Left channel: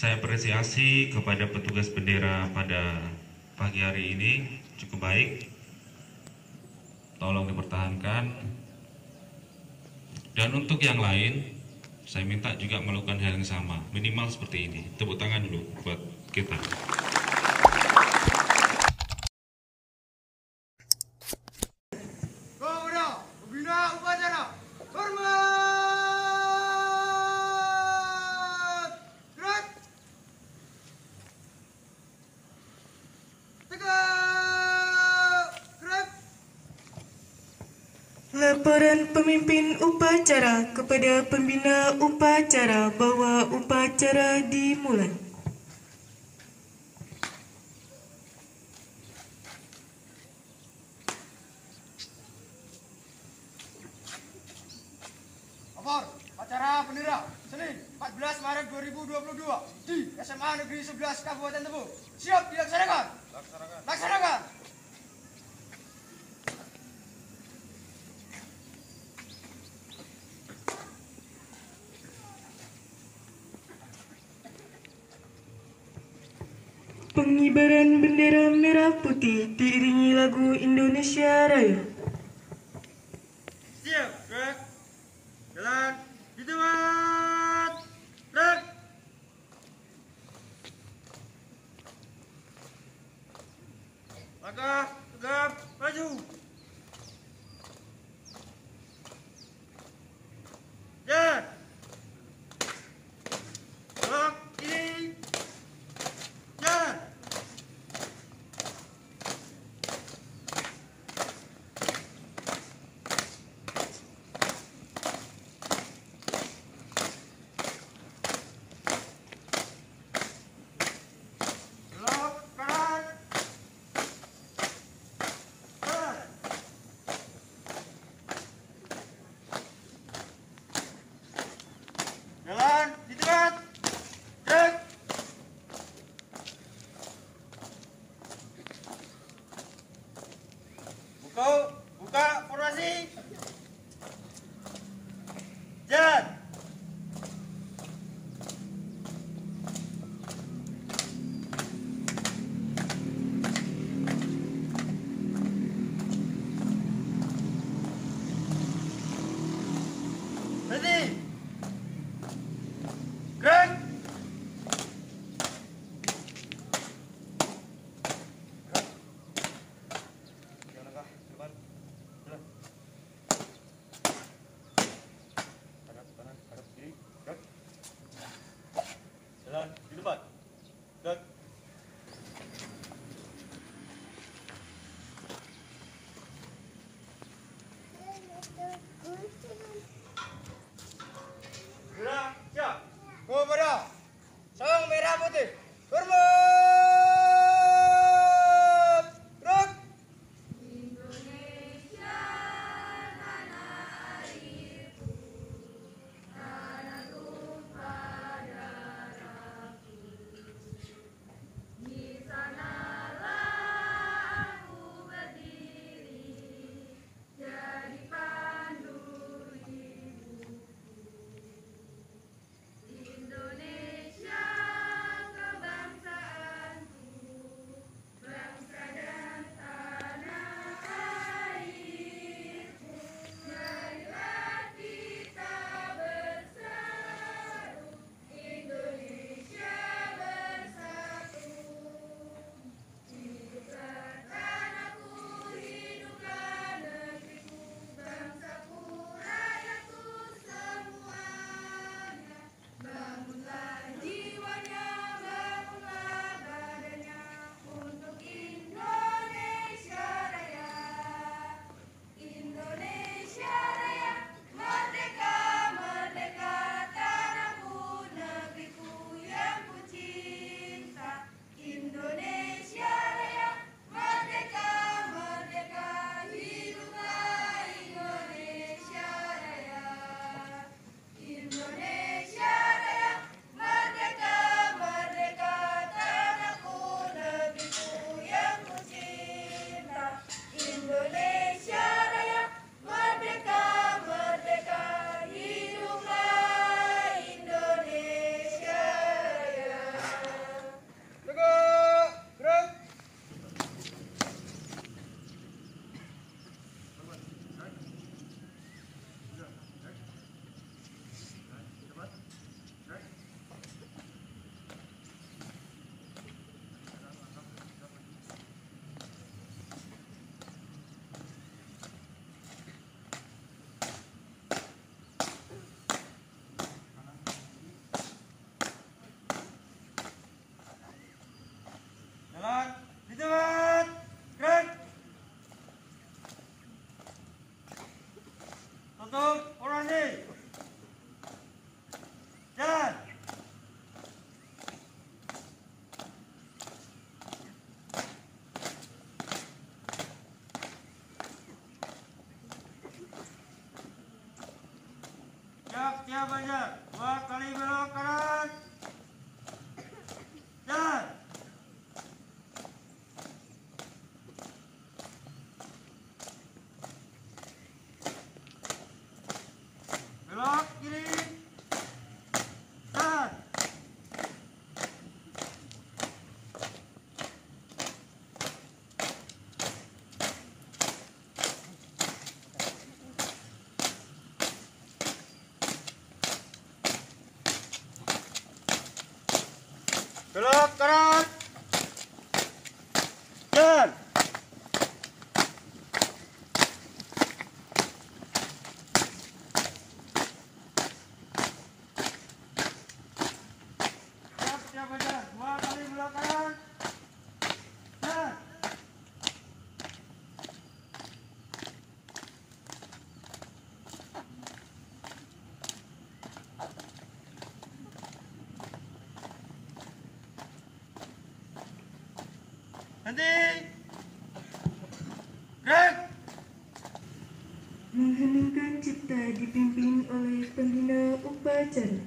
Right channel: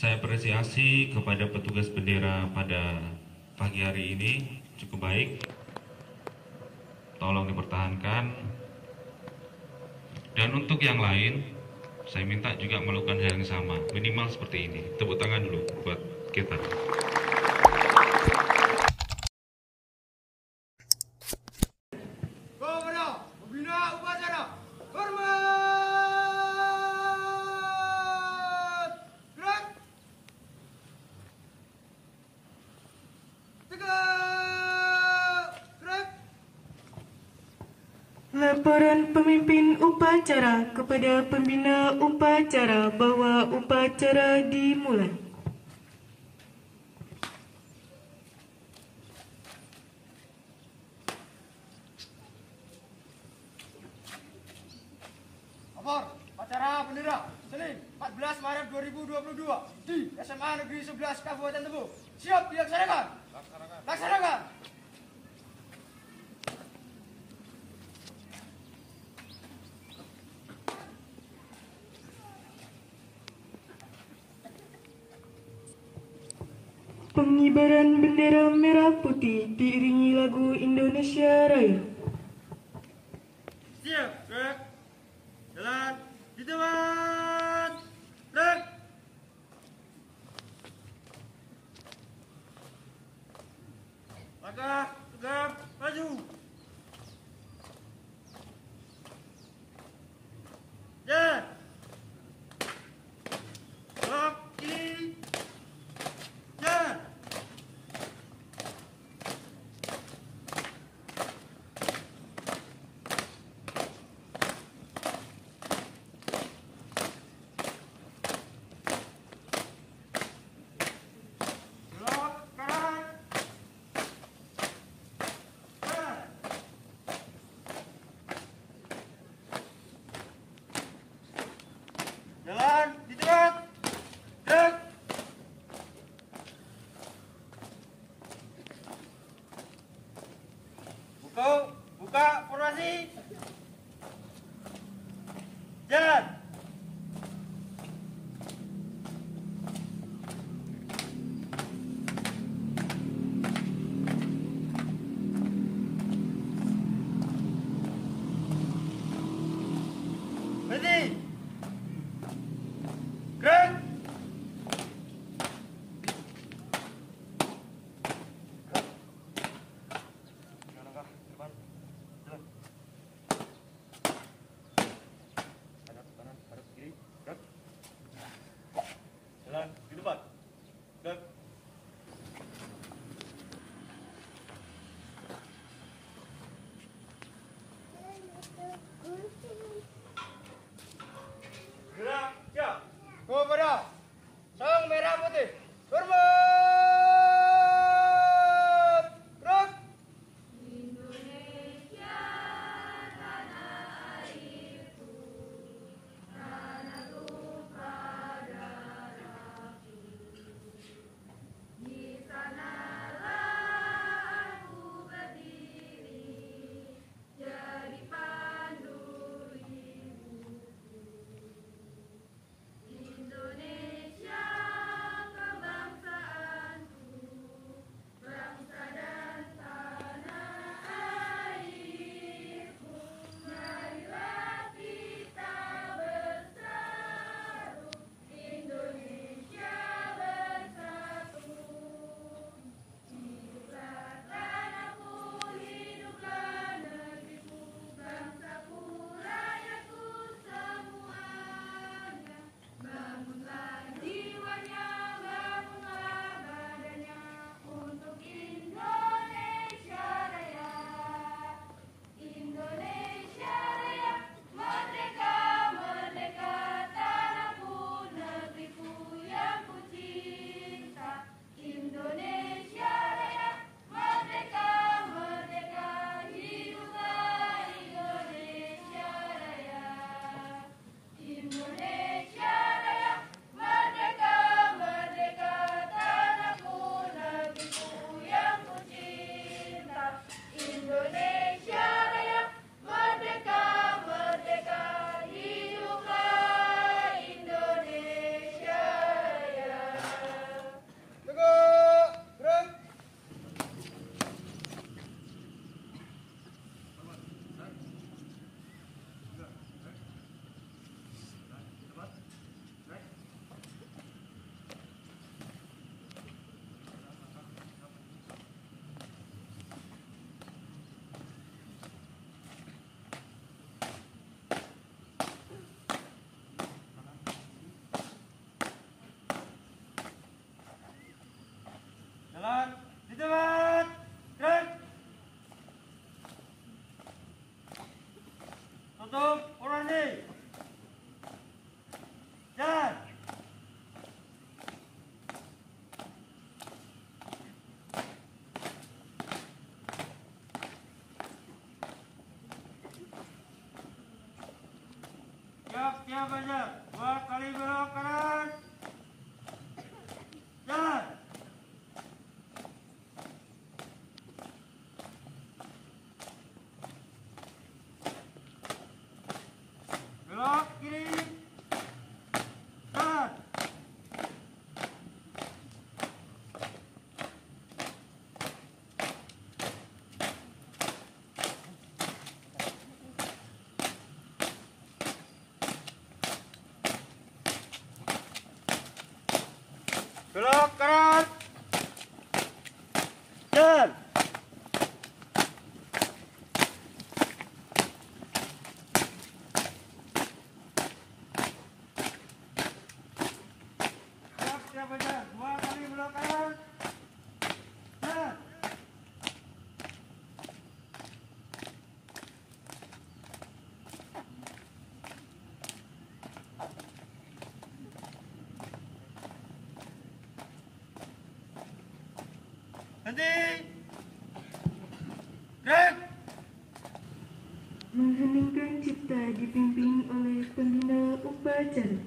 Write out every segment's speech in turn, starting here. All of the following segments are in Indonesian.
Saya apresiasi kepada petugas bendera pada pagi hari ini cukup baik. Tolong dipertahankan. Dan untuk yang lain, saya minta juga melakukan hal yang sama, minimal seperti ini. Tepuk tangan dulu buat kita. Kepada pembina upacara, hormat! Gerak! Tegak! Gerak! Laporan pemimpin upacara kepada pembina upacara bahwa upacara dimulai. Lapor, upacara bendera, Senin 14 Maret 2022 di SMA Negeri 11 Kabupaten Tebo. Siap dilaksanakan? Laksanakan! Pengibaran bendera merah putih diiringi lagu Indonesia Raya. Siap, gerak! Jalan, di tempat! Gerak! Langkah, tegap, maju! Jalan! Belok kiri! Jalan! Belok kanan! Jalan! Jalan di tempat! Gerak! Buka formasi. Jalan. Berhenti. Gerak. Langkah ke depan. Jalan. Kanan, hadap kiri. Gerak. Jalan di depan. Gerak. Gerak. Siap. Kepada sang merah putih. Hormat. Gerak. siap aja. 2 kali belok kanan. Jalan. Belok kiri. Jalan. Belok kanan. Jalan. Siap aja. 2 kali belok kanan. Jalan. Nanti. Break. Mengheningkan cipta dipimpin oleh pembina upacara.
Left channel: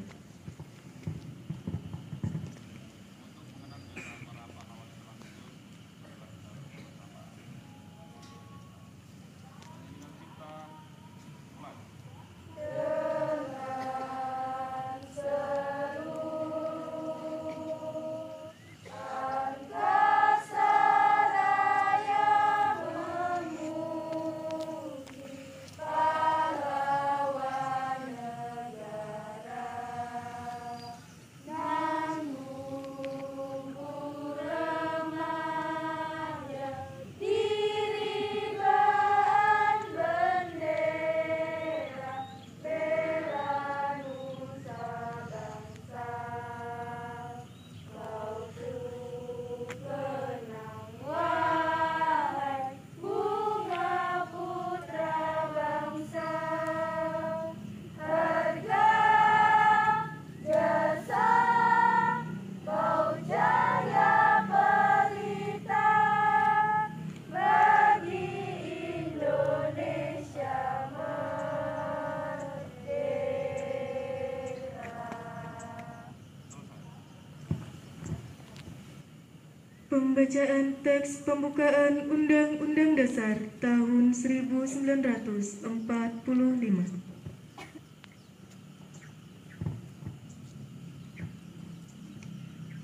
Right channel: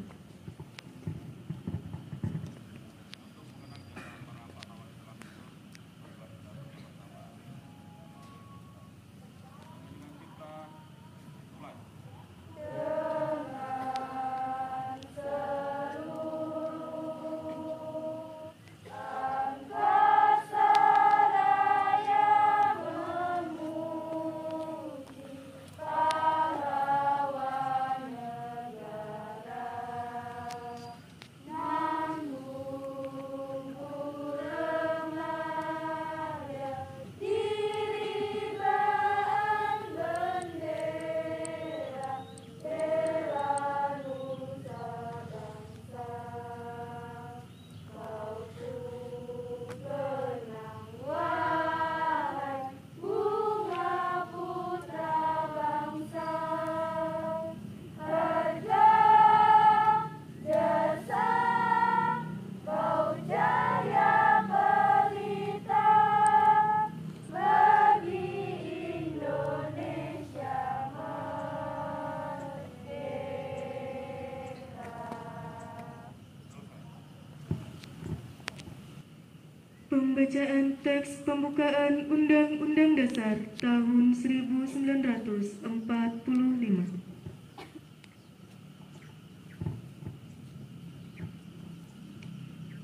Pembacaan teks pembukaan Undang-Undang Dasar tahun 1945.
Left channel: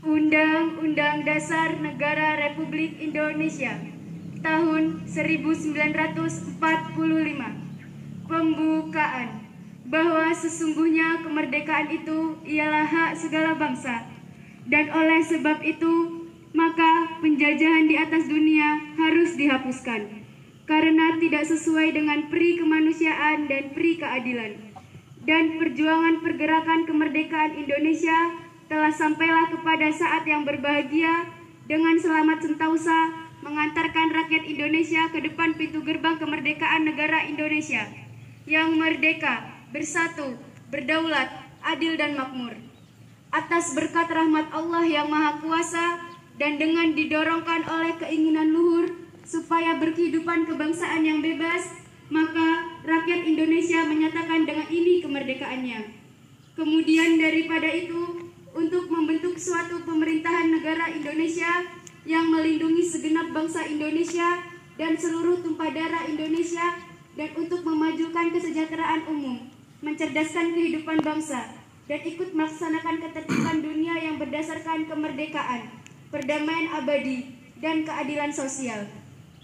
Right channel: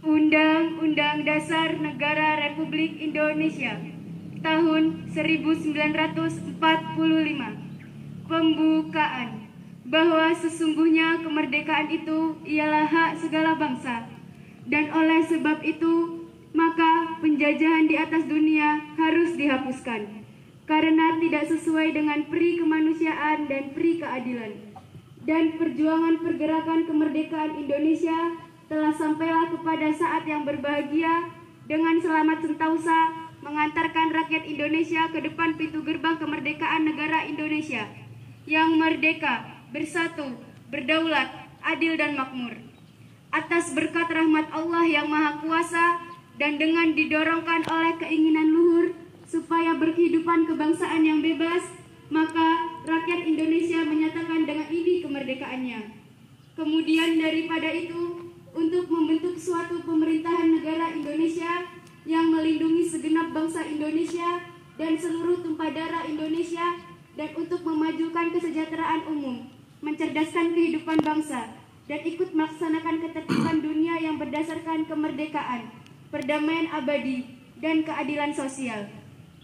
Undang-Undang Dasar Negara Republik Indonesia tahun 1945. Pembukaan. Bahwa sesungguhnya kemerdekaan itu ialah hak segala bangsa, dan oleh sebab itu maka penjajahan di atas dunia harus dihapuskan karena tidak sesuai dengan peri kemanusiaan dan peri keadilan. Dan perjuangan pergerakan kemerdekaan Indonesia telah sampailah kepada saat yang berbahagia dengan selamat sentausa mengantarkan rakyat Indonesia ke depan pintu gerbang kemerdekaan negara Indonesia yang merdeka, bersatu, berdaulat, adil dan makmur. Atas berkat rahmat Allah yang Maha Kuasa dan dengan didorongkan oleh keinginan luhur supaya berkehidupan kebangsaan yang bebas, maka rakyat Indonesia menyatakan dengan ini kemerdekaannya. Kemudian daripada itu, untuk membentuk suatu pemerintahan negara Indonesia yang melindungi segenap bangsa Indonesia dan seluruh tumpah darah Indonesia, dan untuk memajukan kesejahteraan umum, mencerdaskan kehidupan bangsa, dan ikut melaksanakan ketertiban dunia yang berdasarkan kemerdekaan, perdamaian abadi, dan keadilan sosial.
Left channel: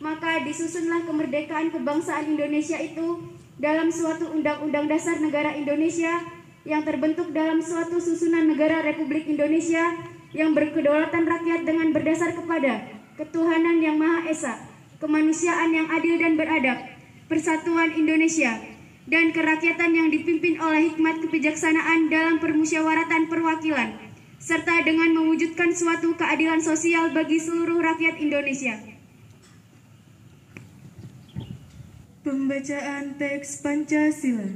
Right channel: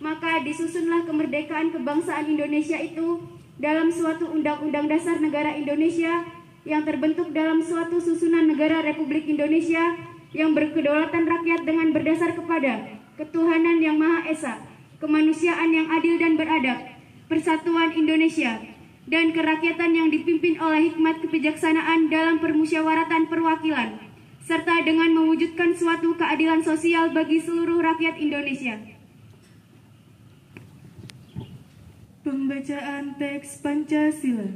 Maka disusunlah kemerdekaan kebangsaan Indonesia itu dalam suatu Undang-Undang Dasar Negara Indonesia yang terbentuk dalam suatu susunan negara Republik Indonesia yang berkedaulatan rakyat dengan berdasar kepada ketuhanan yang Maha Esa, kemanusiaan yang adil dan beradab, persatuan Indonesia, dan kerakyatan yang dipimpin oleh hikmat kebijaksanaan dalam permusyawaratan perwakilan, serta dengan mewujudkan suatu keadilan sosial bagi seluruh rakyat Indonesia. Pembacaan teks Pancasila.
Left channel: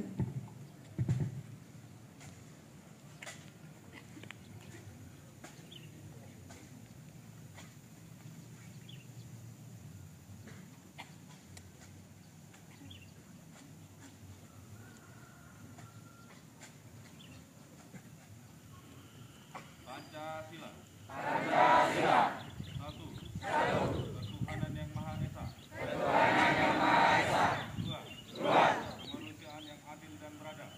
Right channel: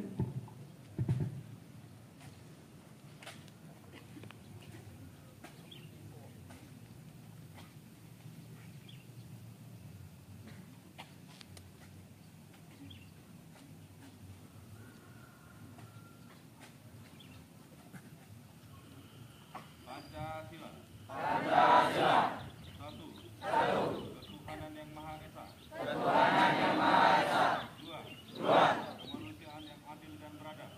Pancasila. Satu. Ketuhanan yang Maha Esa. Dua. Kemanusiaan yang adil dan beradab.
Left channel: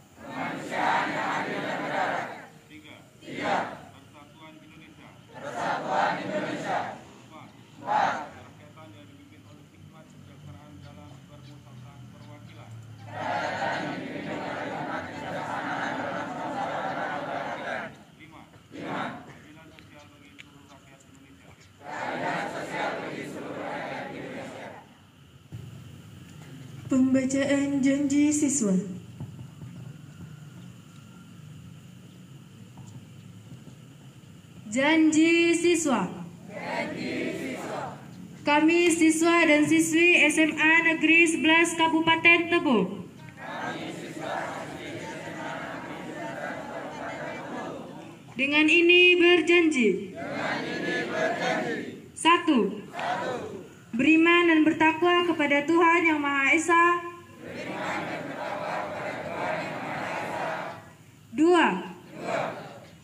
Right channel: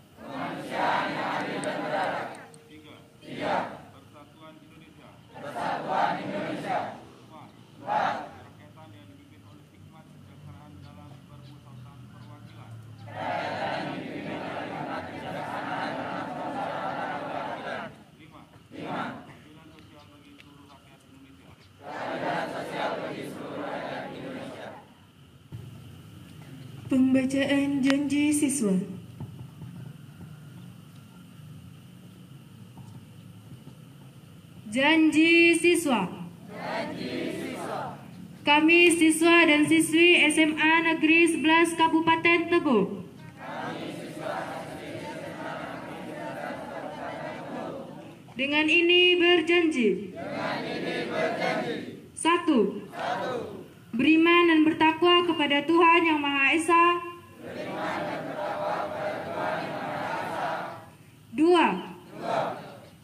Tiga. Persatuan Indonesia. Empat. Berkaitan yang dipimpin oleh hikmat kebijaksanaan dalam bermusyawarah perwakilan. Lima. Keadilan sosial bagi seluruh rakyat Indonesia. Pembacaan janji siswa. Janji siswa. Kami siswa dan siswi SMA Negeri 11 Kabupaten Tebo dengan ini berjanji. 1. Beriman dan bertakwa kepada Tuhan Yang Maha Esa. 2.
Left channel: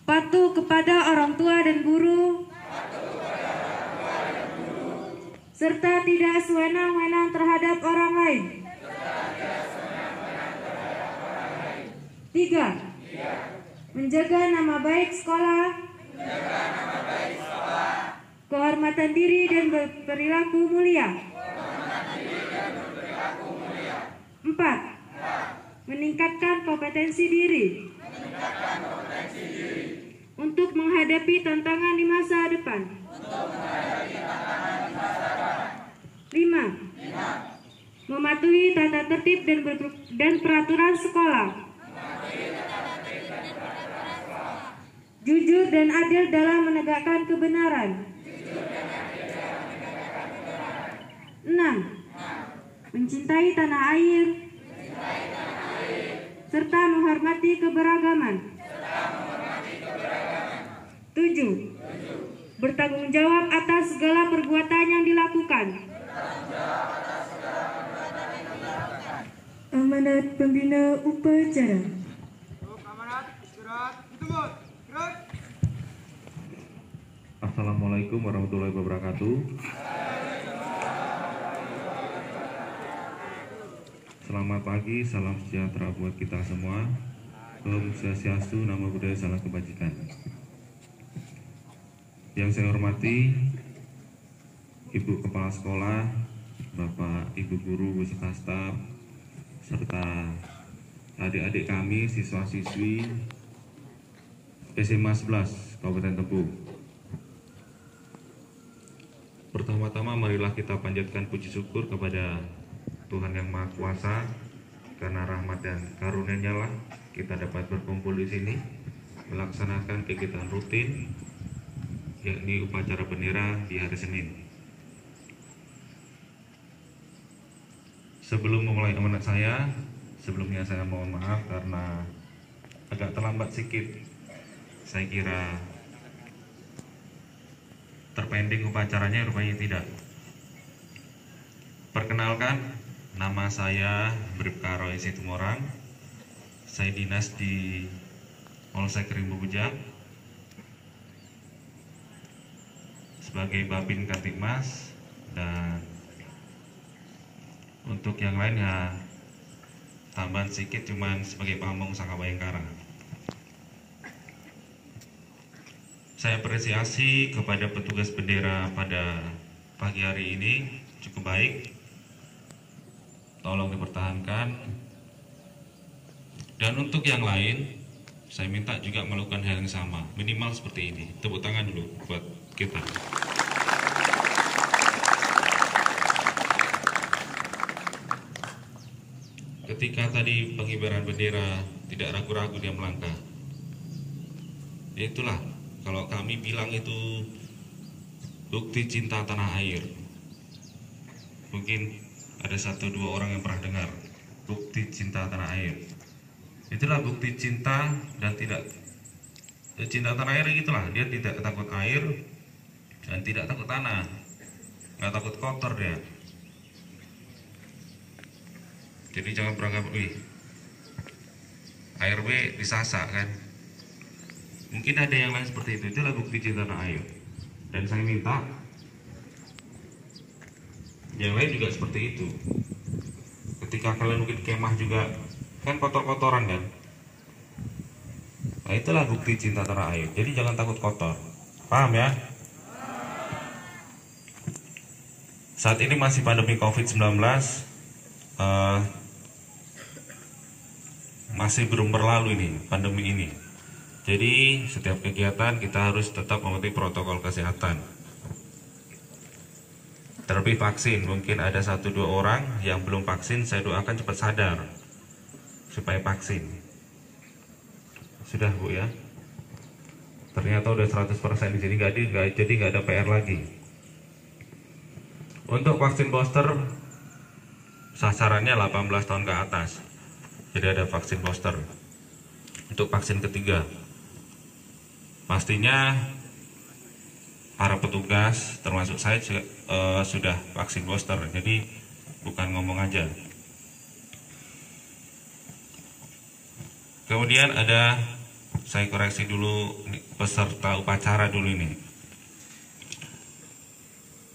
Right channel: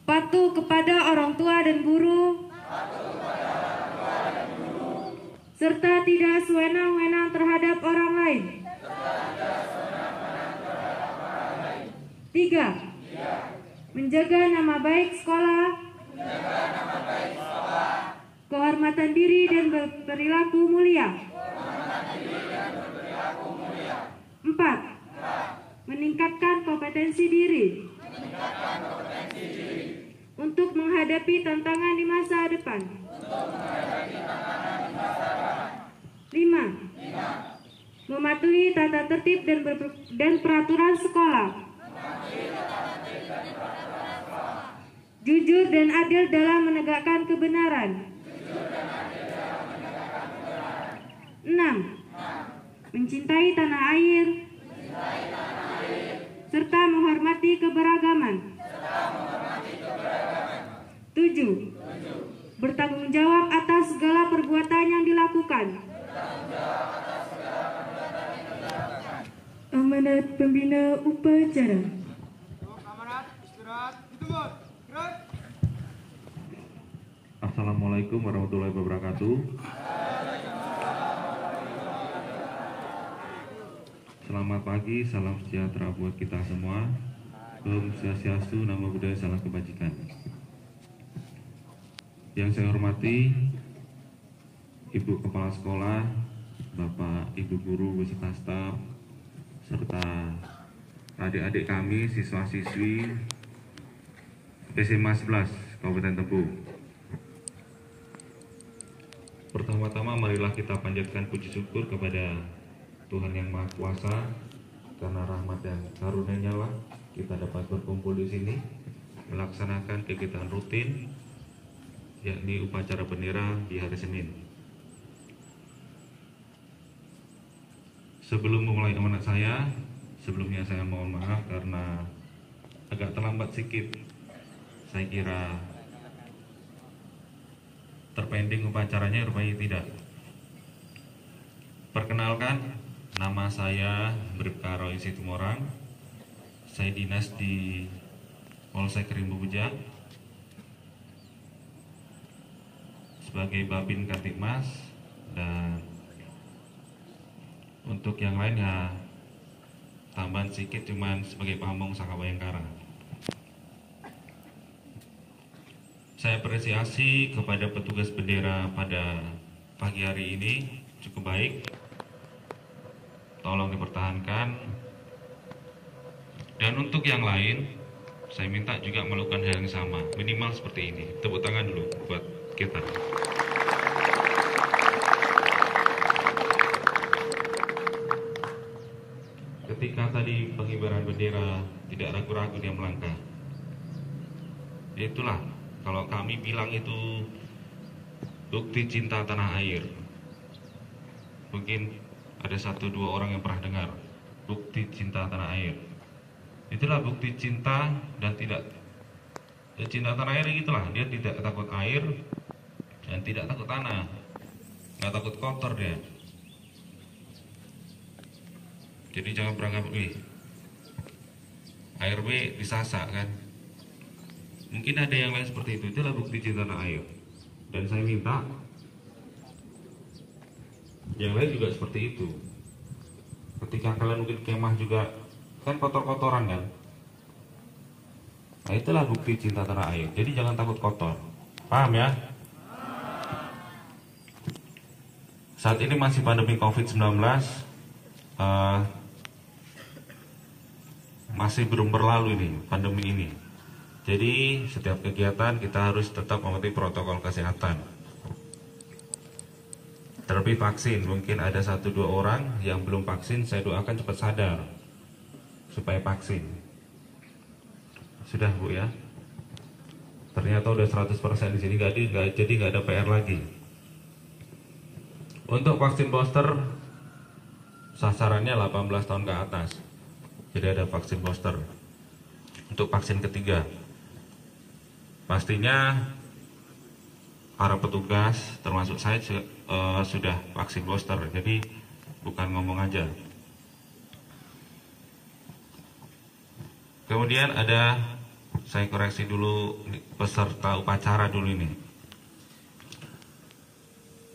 Patuh kepada orang tua dan guru, serta tidak sewenang-wenang terhadap orang lain. 3. Menjaga nama baik sekolah, kehormatan diri dan berperilaku mulia. 4. Meningkatkan kompetensi diri untuk menghadapi tantangan di masa depan. 5. Mematuhi tata tertib dan peraturan sekolah. Jujur dan adil dalam menegakkan kebenaran. 6. Mencintai tanah air serta menghormati keberagaman. 7. Bertanggung jawab atas segala perbuatan yang dilakukan. Amanat pembina upacara. Assalamualaikum warahmatullahi wabarakatuh. Selamat pagi, salam sejahtera buat kita semua. Om Swastiastu, Namo Buddhaya, salam kebajikan. Yang saya hormati Ibu Kepala Sekolah, Bapak Ibu Guru beserta staf, serta adik-adik kami siswa-siswi SMA 11 Kabupaten Tebo. Pertama-tama marilah kita panjatkan puji syukur kepada Tuhan Yang Maha Kuasa, karena rahmat dan karunia-Nya lah kita dapat berkumpul di sini melaksanakan kegiatan rutin, yakni upacara bendera di hari Senin. Sebelum memulai amanat saya, sebelumnya saya mohon maaf karena agak terlambat sedikit. Saya kira terpending upacaranya, rupanya tidak. Perkenalkan, nama saya Bribka Roy Situmorang. Saya dinas di Polsek Rimbo Bujang sebagai Babin Kamtibmas, dan untuk yang lain ya tambahan sedikit, cuman sebagai pamong Saka Bayangkara. Saya apresiasi kepada petugas bendera pada pagi hari ini cukup baik. Tolong dipertahankan. Dan untuk yang lain, saya minta juga melakukan hal yang sama, minimal seperti ini. Tepuk tangan dulu buat kita. Ketika tadi pengibaran bendera, tidak ragu-ragu dia melangkah. Itulah, kalau kami bilang itu bukti cinta tanah air. Mungkin ada 1-2 orang yang pernah dengar bukti cinta tanah air. Itulah bukti cinta dan tidak cinta tanah air, gitulah. Dia tidak takut air dan tidak takut tanah, nggak takut kotor dia. Jadi jangan beranggap, air B disasak kan. Mungkin ada yang lain seperti itu. Itulah bukti cinta tanah air. Dan saya minta yang lain juga seperti itu. Ketika kalian mungkin kemah juga kan kotor-kotoran kan. Nah itulah bukti cinta tanah air. Jadi jangan takut kotor. Paham ya? Saat ini masih pandemi COVID-19, masih belum berlalu ini pandemi ini. Jadi setiap kegiatan kita harus tetap mematuhi protokol kesehatan. Terlebih vaksin, mungkin ada 1-2 orang yang belum vaksin, saya doakan cepat sadar supaya vaksin. Sudah Bu ya. Ternyata udah 100% di sini, jadi nggak ada PR lagi. Untuk vaksin booster sasarannya 18 tahun ke atas. Jadi ada vaksin booster. Untuk vaksin ketiga, pastinya para petugas termasuk saya sudah vaksin booster. Jadi bukan ngomong aja. Kemudian ada, saya koreksi dulu peserta upacara dulu ini.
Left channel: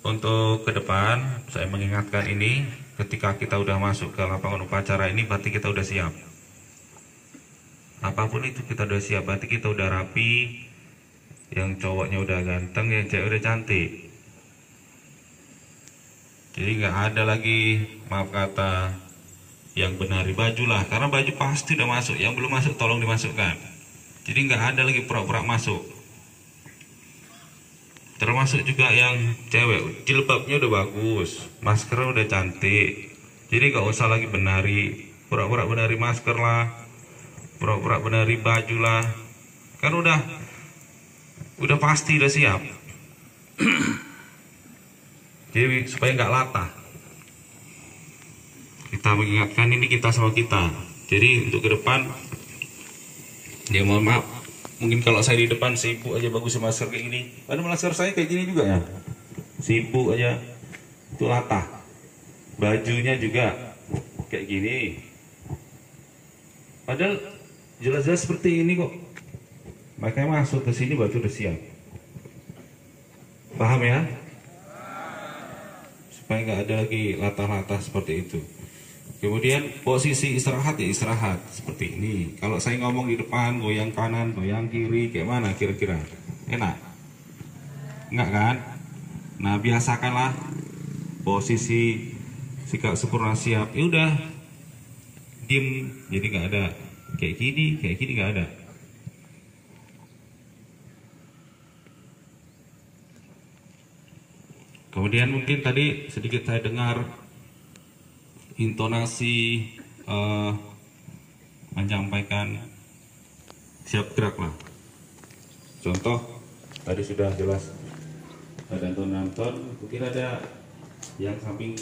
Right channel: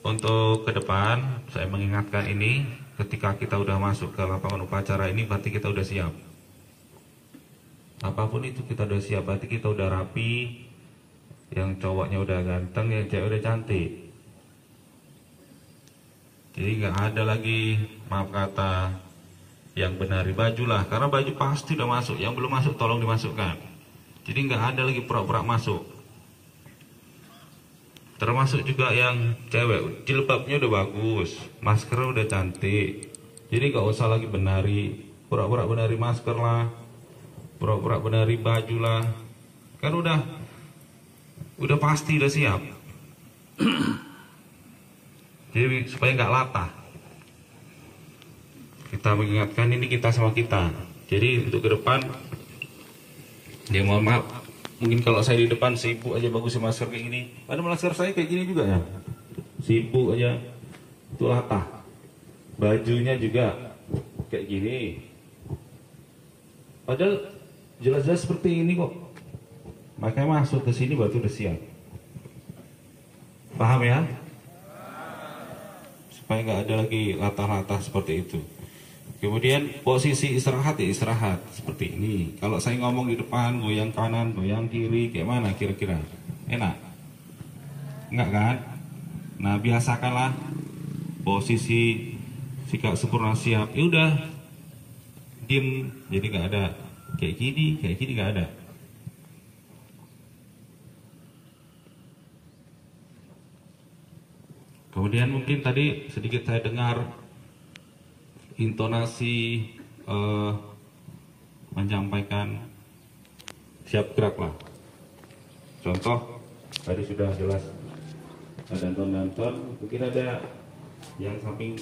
Untuk ke depan saya mengingatkan ini, ketika kita udah masuk ke lapangan upacara ini berarti kita udah siap. Apapun itu kita udah siap, berarti kita udah rapi. Yang cowoknya udah ganteng, yang cewek udah cantik. Jadi nggak ada lagi, maaf kata, yang benari baju lah, karena baju pasti udah masuk. Yang belum masuk tolong dimasukkan. Jadi nggak ada lagi pura-pura masuk. Termasuk juga yang cewek, jilbabnya udah bagus, maskernya udah cantik. Jadi nggak usah lagi benari, pura-pura benari masker lah, pura-pura benari baju lah. Kan udah pasti udah siap. Jadi supaya nggak latah. Kita mengingatkan ini kita sama kita. Jadi untuk ke depan, ya mohon maaf, mungkin kalau saya di depan sibuk aja bagus masker kayak gini. Ada masker saya kayak gini juga ya. Sibuk aja, itu latah. Bajunya juga kayak gini. Padahal jelas-jelas seperti ini kok. Makanya masuk ke sini baju udah siap. Paham ya? Supaya nggak ada lagi latah-latah seperti itu. Kemudian posisi istirahat ya istirahat seperti ini. Kalau saya ngomong di depan, goyang kanan, goyang kiri, kayak mana kira-kira? Enak? Enggak kan? Nah biasakanlah posisi sikap sempurna siap. Ya udah, diem. Jadi nggak ada kayak gini nggak ada. Kemudian mungkin tadi sedikit saya dengar intonasi menyampaikan siap gerak lah. Contoh tadi sudah jelas ada nonton, mungkin ada yang samping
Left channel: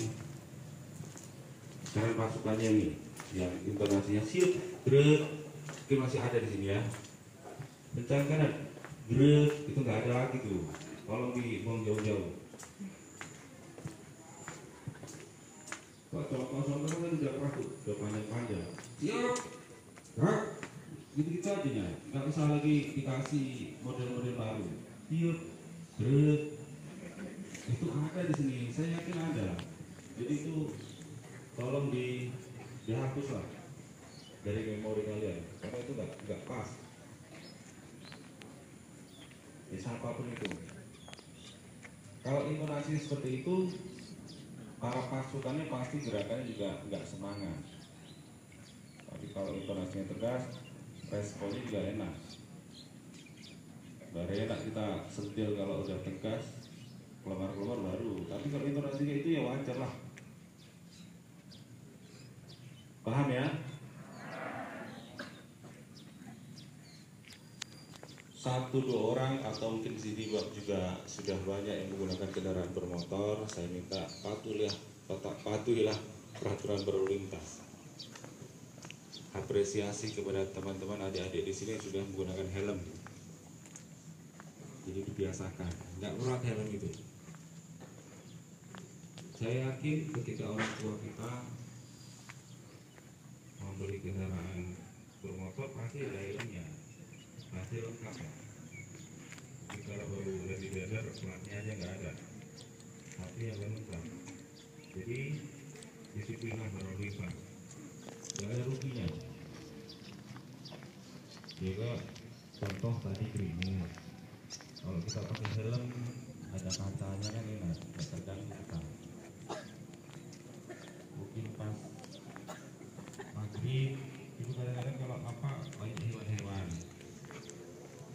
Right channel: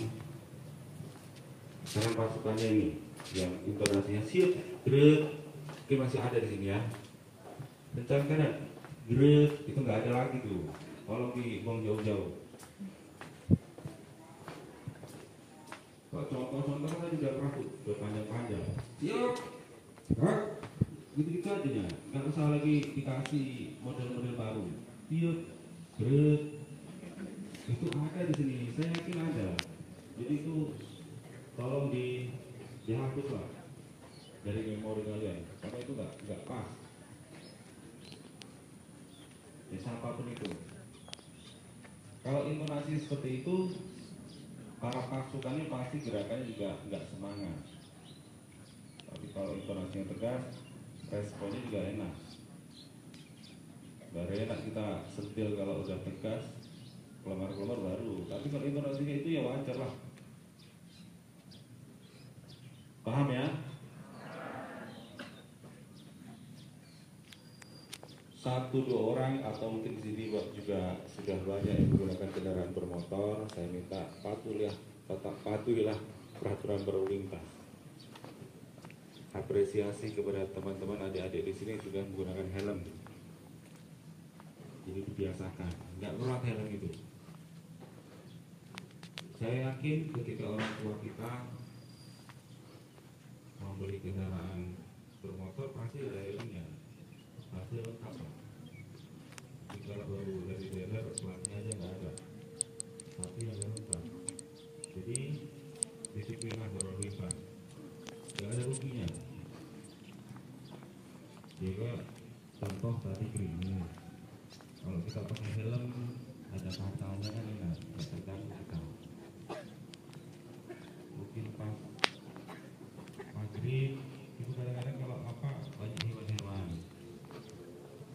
kanan pasukannya nih, yang intonasinya siap gerak, mungkin masih ada di sini ya. Kencang kanan gerak, itu nggak ada lagi tuh. Tolong dibuang jauh-jauh. Pak contoh-contoh kan udah kaku, udah panjang-panjang. Siap, gerak, gitu-gitu aja ya. Nggak usah lagi dikasih model-model baru. Siap, gerak, itu ada di sini. Saya yakin ada. Jadi itu tolong dihapus lah dari memori kalian, karena itu nggak pas. Bisa apapun itu. Kalau intonasi seperti itu, para pasukannya pasti gerakannya juga nggak semangat. Tapi kalau intonasinya tegas, responnya juga enak. Baru enak kita sentil kalau udah tegas, kelemar-kelemar baru. Tapi kalau intonasinya itu ya wajar lah. Paham ya? Satu dua orang atau mungkin di sini juga sudah banyak yang menggunakan kendaraan bermotor. Saya minta patuhilah peraturan berlalu lintas. Apresiasi kepada teman-teman adik-adik di sini yang sudah menggunakan helm. Jadi dibiasakan, nggak perlu helm itu. Saya yakin ketika orang tua kita membeli kendaraan bermotor pasti ada helmnya. Masih lengkap ya. kalau baru dari daerah pelatnya aja nggak ada, tapi yang lain lengkap. Jadi disiplinlah berlalu lintas, nggak ada ruginya. Juga contoh tadi gerimis, kalau kita pakai helm ada kacanya kan enak, nggak terganggu kita. Mungkin pas maghrib itu kadang-kadang kalau apa banyak hewan-hewan.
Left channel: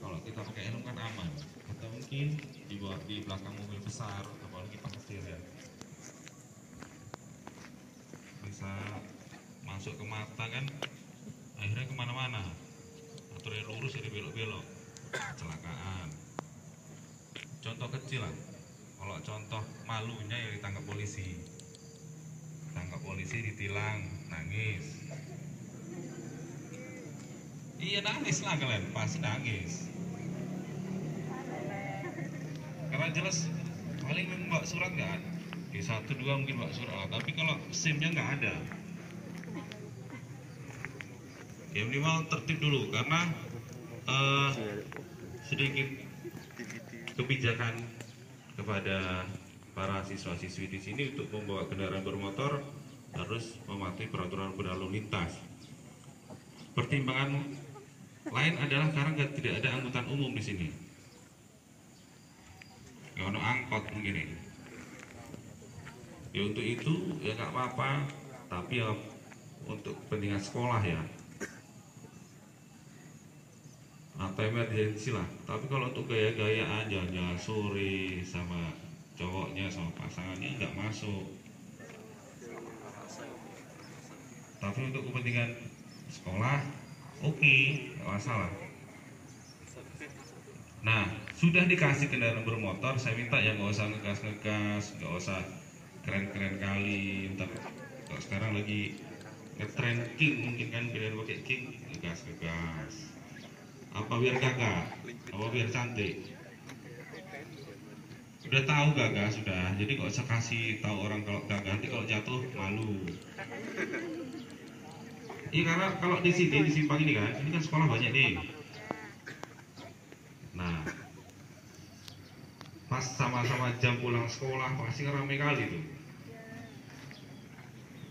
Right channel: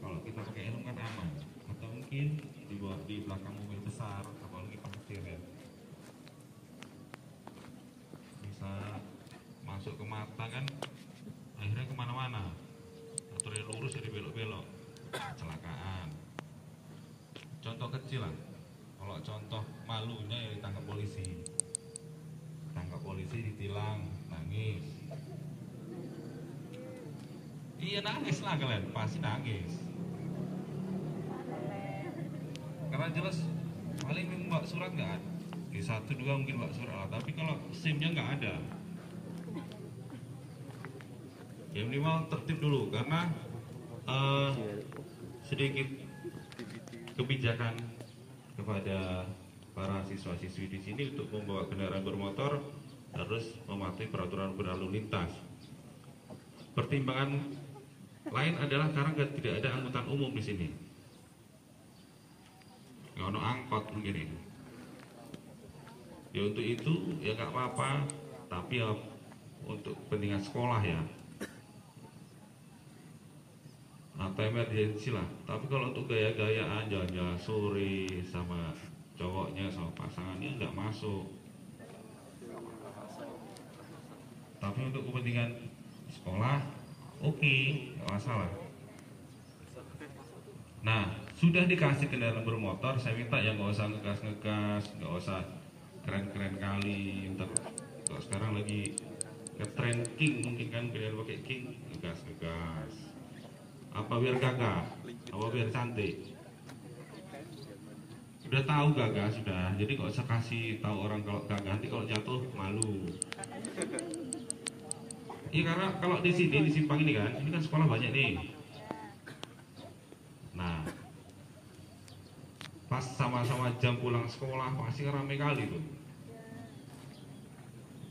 Kalau kita pakai helm kan aman. Atau mungkin di belakang mobil besar, apalagi pasir ya, bisa masuk ke mata kan, akhirnya kemana-mana. Atau yang lurus jadi belok-belok, kecelakaan. Contoh kecil lah. Kalau contoh malunya ya ditangkap polisi. Tangkap polisi, ditilang, nangis. Iya nangis lah kalian, pasti nangis. Karena jelas paling bawa surat nggak ada. Di 1-2 mungkin bawa surat, tapi kalau SIM-nya nggak ada. Ya minimal tertib dulu karena sedikit kebijakan kepada para siswa-siswi di sini untuk membawa kendaraan bermotor harus mematuhi peraturan berlalu lintas. Pertimbangan lain adalah karena tidak ada angkutan umum di sini. Nggak ada angkot begini. Ya untuk itu ya nggak apa-apa, tapi ya untuk kepentingan sekolah ya. Nah, emergency lah. Tapi kalau untuk gaya-gayaan jalan sore sama cowoknya sama pasangannya nggak masuk. Tapi untuk kepentingan sekolah, oke, nggak masalah. Nah, sudah dikasih kendaraan bermotor, saya minta ya nggak usah ngegas, nggak usah keren-keren kali. Ntar kalau sekarang lagi ngetren king, mungkin kan kalian pakai king, ngegas. Apa biar gagah, apa biar cantik. Udah tahu gagah sudah, jadi nggak usah kasih tahu orang kalau gagah, nanti kalau jatuh malu. Iya karena kalau di sini di simpang ini kan sekolah banyak nih. Nah, pas sama-sama jam pulang sekolah pasti ramai kali tuh.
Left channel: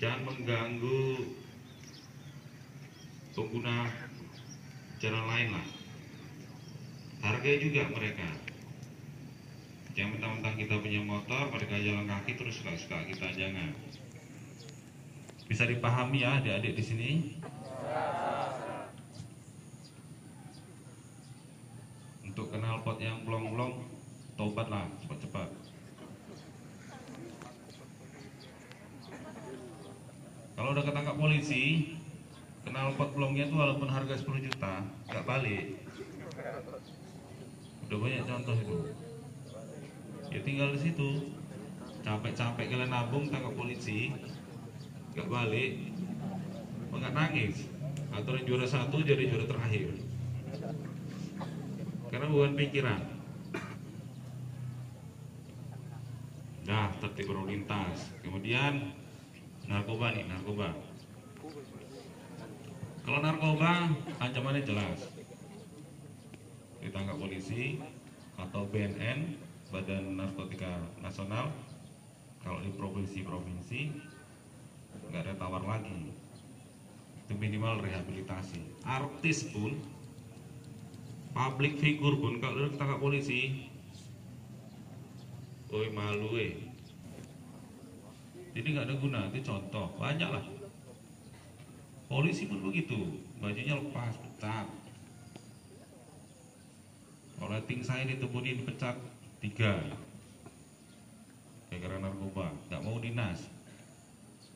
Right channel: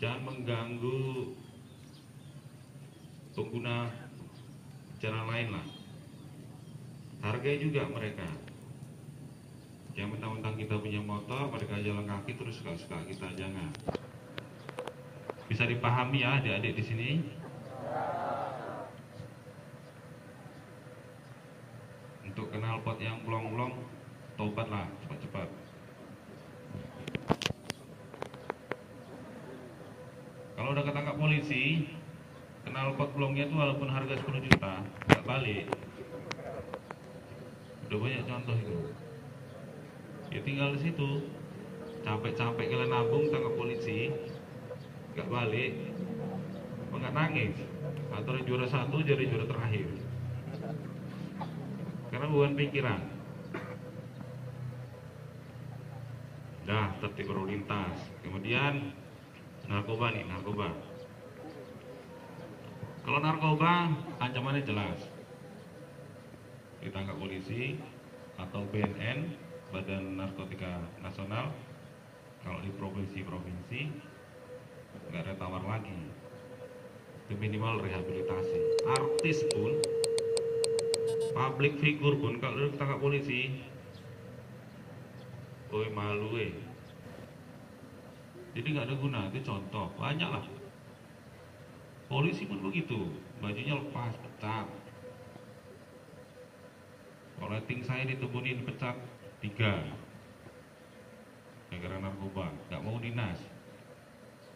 Jangan mengganggu pengguna jalan lain lah. Hargai juga mereka. Jangan mentang-mentang kita punya motor, mereka jalan kaki terus suka-suka kita, jangan. Bisa dipahami ya adik-adik di sini. Untuk knalpot yang blong-blong, tobat lah cepat-cepat. Kalau udah ketangkap polisi, knalpot blongnya itu walaupun harga 10 juta, nggak balik. Udah banyak contoh itu. Ya tinggal di situ. Capek-capek kalian nabung tangkap polisi, nggak balik, nggak nangis. Atau yang juara 1 jadi juara terakhir. Karena bukan pikiran. Dah tertib berlalu lintas. Kemudian narkoba nih, narkoba. Kalau narkoba ancamannya jelas. Ditangkap polisi atau BNN, Badan Narkotika Nasional. Kalau di provinsi-provinsi nggak ada tawar lagi. Itu minimal rehabilitasi. Artis pun, public figure pun kalau ditangkap polisi, malu Jadi nggak ada guna. Itu contoh, banyak lah. Polisi pun begitu, bajunya lepas, pecat. Rating saya ditemuin dipecat 3 gara-gara narkoba, nggak mau dinas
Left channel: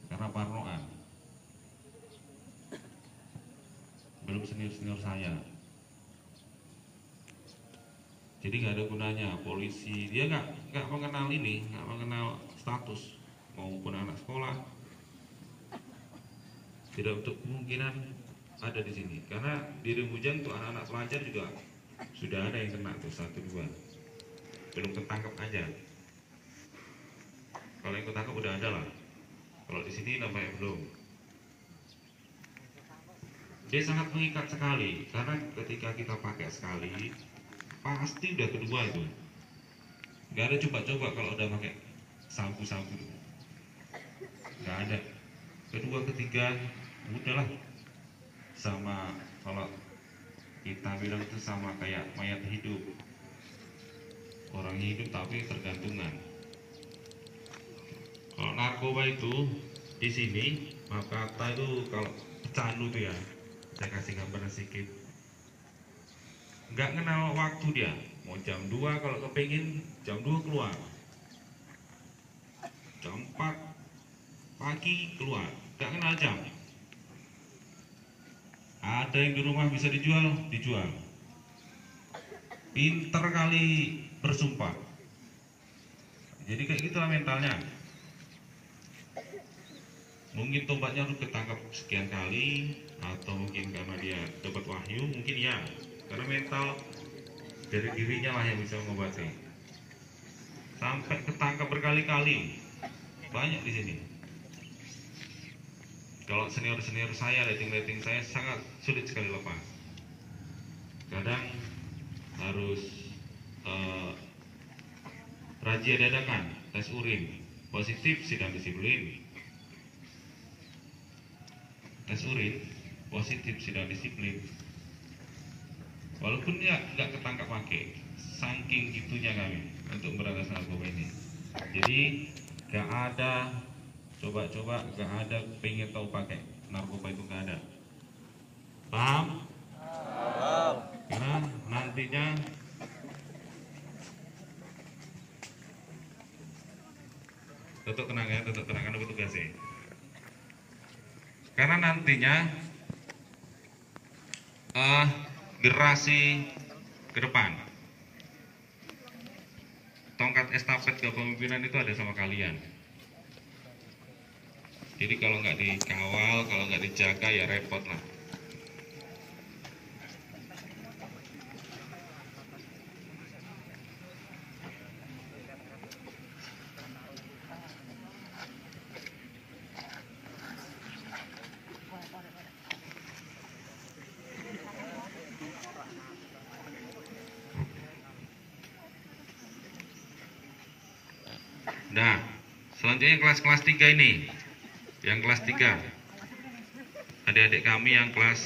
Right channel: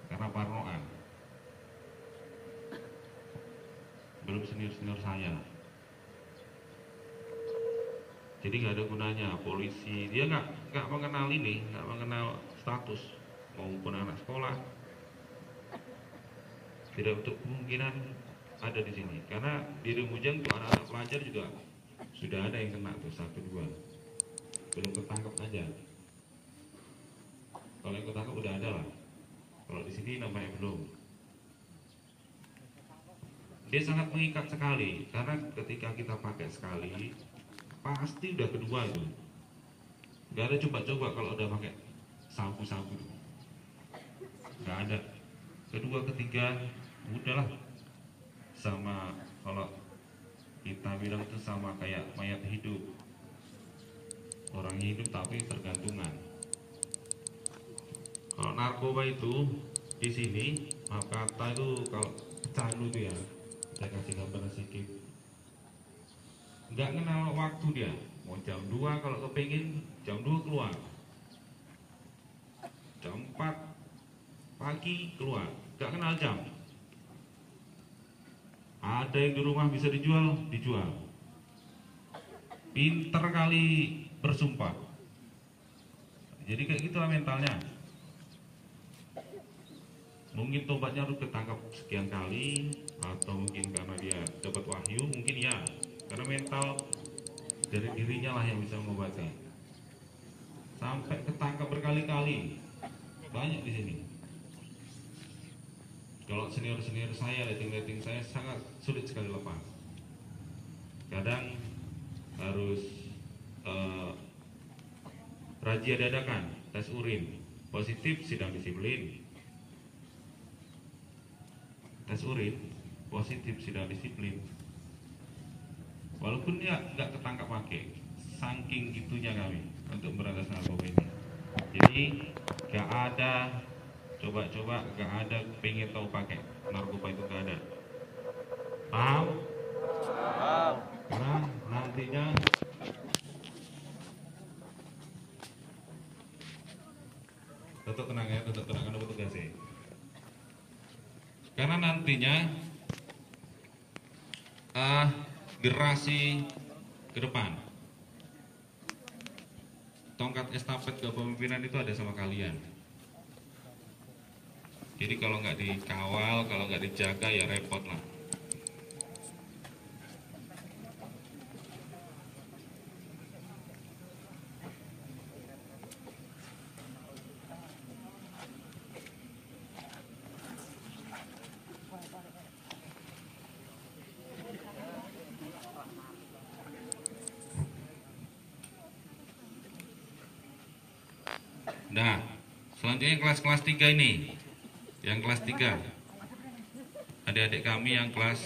karena parnoan. Belum senior saya. Jadi nggak ada gunanya polisi, dia nggak mengenal ini, nggak mengenal status maupun anak sekolah. Tidak untuk kemungkinan ada di sini, karena di Lumujang untuk anak-anak pelajar juga sudah ada yang kena tuh 1-2, belum ketangkep aja. Kalau yang ketangkep udah ada lah. Kalau di sini namanya belum. Dia sangat mengikat sekali, karena ketika kita pakai sekali, pasti udah kedua itu. Nggak ada coba-coba kalau udah pakai sabu-sabu, nggak ada. Kedua ketiga udahlah, sama kalau kita bilang itu sama kayak mayat hidup, orang hidup tapi tergantungan. Kalau narkoba itu di sini rata-rata itu kalau candu tuh ya, saya kasih gambar sedikit, nggak kenal waktu dia. Mau jam 2 kalau kepingin jam 2 keluar, jam 4 pagi keluar, nggak kenal jam. Ada yang di rumah bisa dijual, dijual. Pinter kali bersumpah. Jadi kayak gitulah mentalnya. Mungkin tobatnya harus ketangkap sekian kali, atau mungkin karena dia dapat wahyu, mungkin ya. Karena mental dari dirinya lah yang bisa mengobati. Sampai ketangkap berkali-kali, banyak di sini. Kalau senior-senior saya, rating-rating saya sangat sulit sekali lepas. Kadang harus razia dadakan, tes urin, positif sidang disiplin. Tes urin, positif sidang disiplin. Walaupun nggak ketangkap pakai, saking gitunya kami untuk berantas narkoba ini. Jadi nggak ada coba-coba, nggak ada pengen tahu pakai narkoba itu, nggak ada. Paham? Karena nantinya tutup kenang ya, tutup kenangan untuk tugasnya. Karena nantinya generasi ke depan, tongkat estafet kepemimpinan itu ada sama kalian. Jadi kalau nggak dikawal, kalau nggak dijaga ya repot lah. Nah, selanjutnya kelas-kelas 3 ini. Yang kelas 3. Adik-adik kami yang kelas